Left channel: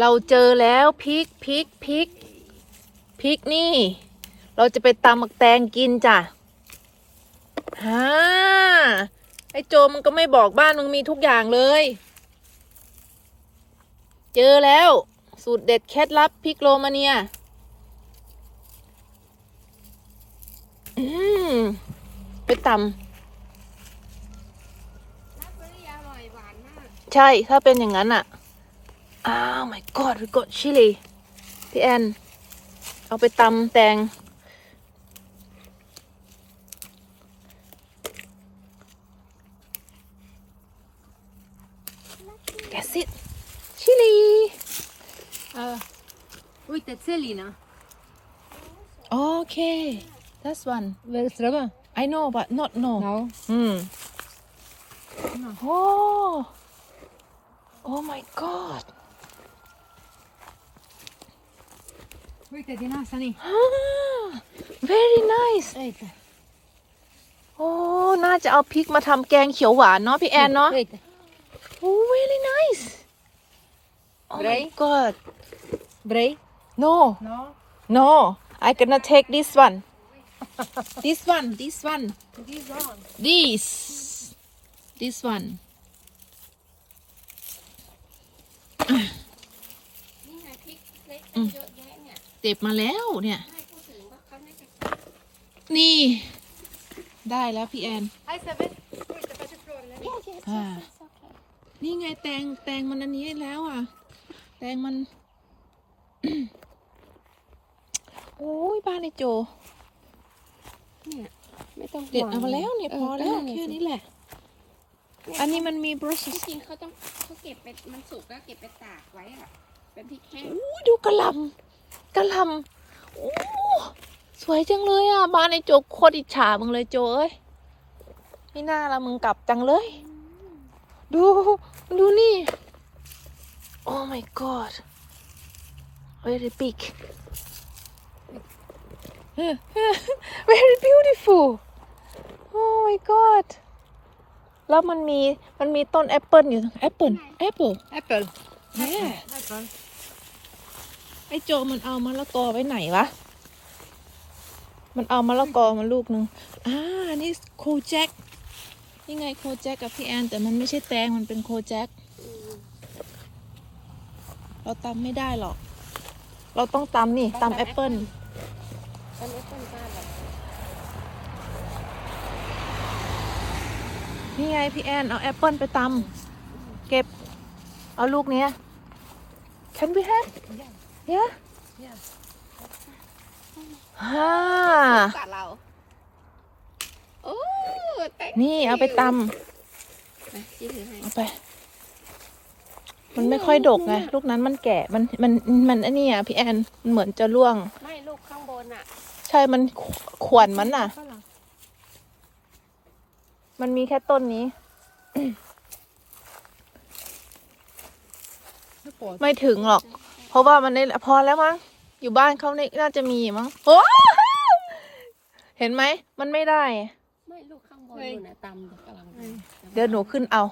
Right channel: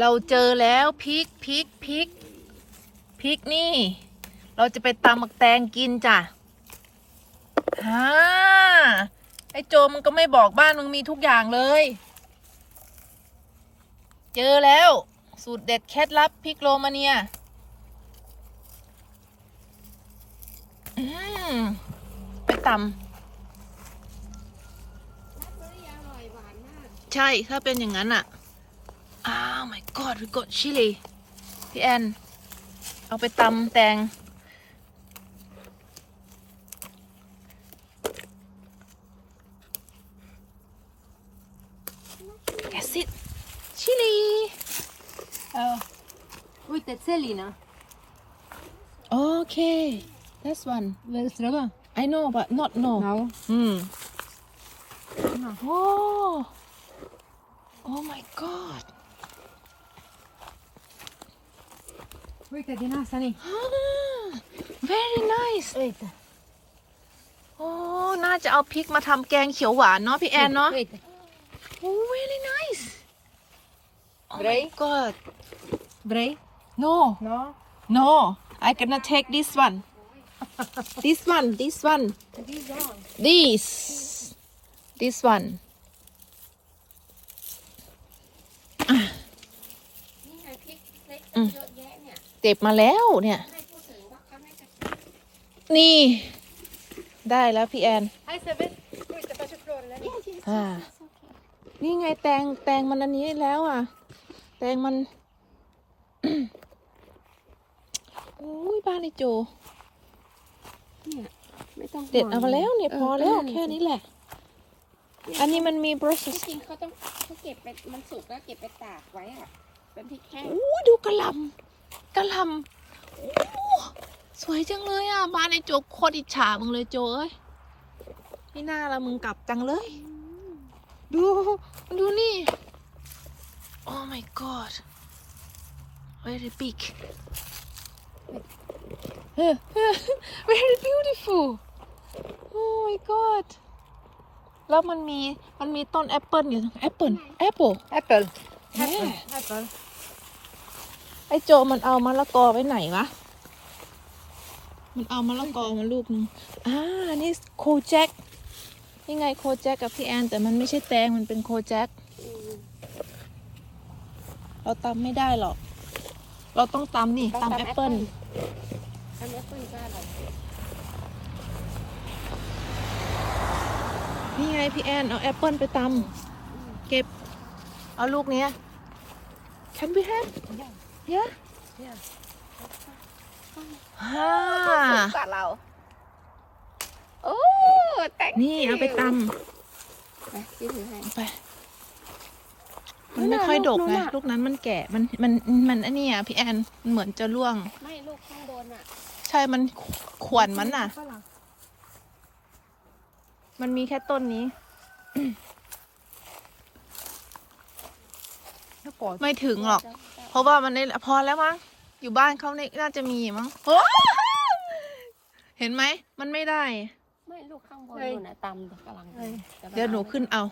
เราเจอแล้วพริกพริกพริกพริกนี่ เราจะไปตำหมักแตงกินจ้ะฮ่าไอ้โจมันก็ไม่บอกบ้านมึงมีทุกอย่างเลย เจอแล้ว สูตรเด็ดเคล็ดลับพริกโรมาเนียอืมไปตำใช่ถ้าเป็นอย่างนั้นอะ อ้าว my god we got chili พี่แอน เอาไปตำแตง Guess it chili Uh, with the Selina. okay that's one Well, Strava. I know but not no Now. Hmm. No. Oh. Oh my god. With the Dina Sani. Ah, very nice. Wait. โอ้ น่าจะเอาพริกมาทำแกงเขียวหวานเนาะพี่แอนเนาะ Wait. โอ้ very nice. Oh my Bray? god. Bray? No, No. no. I gonna take this one. This one, this one. This one. This. This one. นี่ไงพริกเล็กอืมเยอะแยะ เนี่ยเก็บมาแล้วเนี่ยให้พูดถึงว่าเขาน่าจะนี่ ได้แล้วพี่แอน Hi, Seven. Wait, the first floor. let me- อ่านี่ไงแตงแตงมันอันนี้แล้วอะ แตงมันโอ้ยบ้านไอโจเนี่ยไม่ต้องห่วงเด็ดเอามาแล้วเนี่ยพอแล้วเแค่นี้แหละ อันนี้มันมี brushes จริงๆเขาต้องเขาเก็บไปมันสุกแล้วเก็บไปตากไว้อะ เป็นพริกแห้งโอ้ยดูกระหลำกระหลำโอ้สวยจังเลยอะบ้านไอโจโคตรอิจฉามึงเลยโจเอ้ยไม่น่าละมึงกลับจังเลย ดูดูนี่โอ้ my god very big very beautiful oh my god แล้วมันมีมันมีต้นแอปเปิลอยู่แอปเปิลแอปเปิล Apple. Yeah. Apple. ไอ้โจมันเอามะละกอไว้ไหนวะ มันเอามะละกอมาลูกหนึ่งอ่านี่โคแจ็คนี่ไงโคแจ็คกับพี่แอน แต่มันไม่ใช่แตงมันเป็นโคแจ็คเราตำไม่ได้หรอก เราต้องตำนี่ตำแอปเปิลตำแอปเปิ้ลก็อร่อนี่ไงพี่แอนเอาแอปเปิลไปตำเก็บ เอาลูกเนี้ย Can we have yeah Yeah. ฮ่ากว่าเรา โอ้แตงนี่เอาไปตนะจิ้มให้ำไปมันไม่ค่อยดกไงลูกนั้นมันแก่ มัน มัน มันอันนี้อะพี่แอนเหมือนจะร่วง ไม่ลูกข้างบนอะใช่ มันขวนมันน่ะ Voilà. มันมีแค่ต้นนี้ No pause. ไม่ถึงหรอก เพราะว่ามันในพอแล้วมั้งอยู่บ้านเขาในน่าจะมีมั้งว้าวเห็นไหม มันไม่ได้ ไม่ลูกข้างบนนู่นน่ะตำกำลังดีเดี๋ยวหนูขึ้นเอา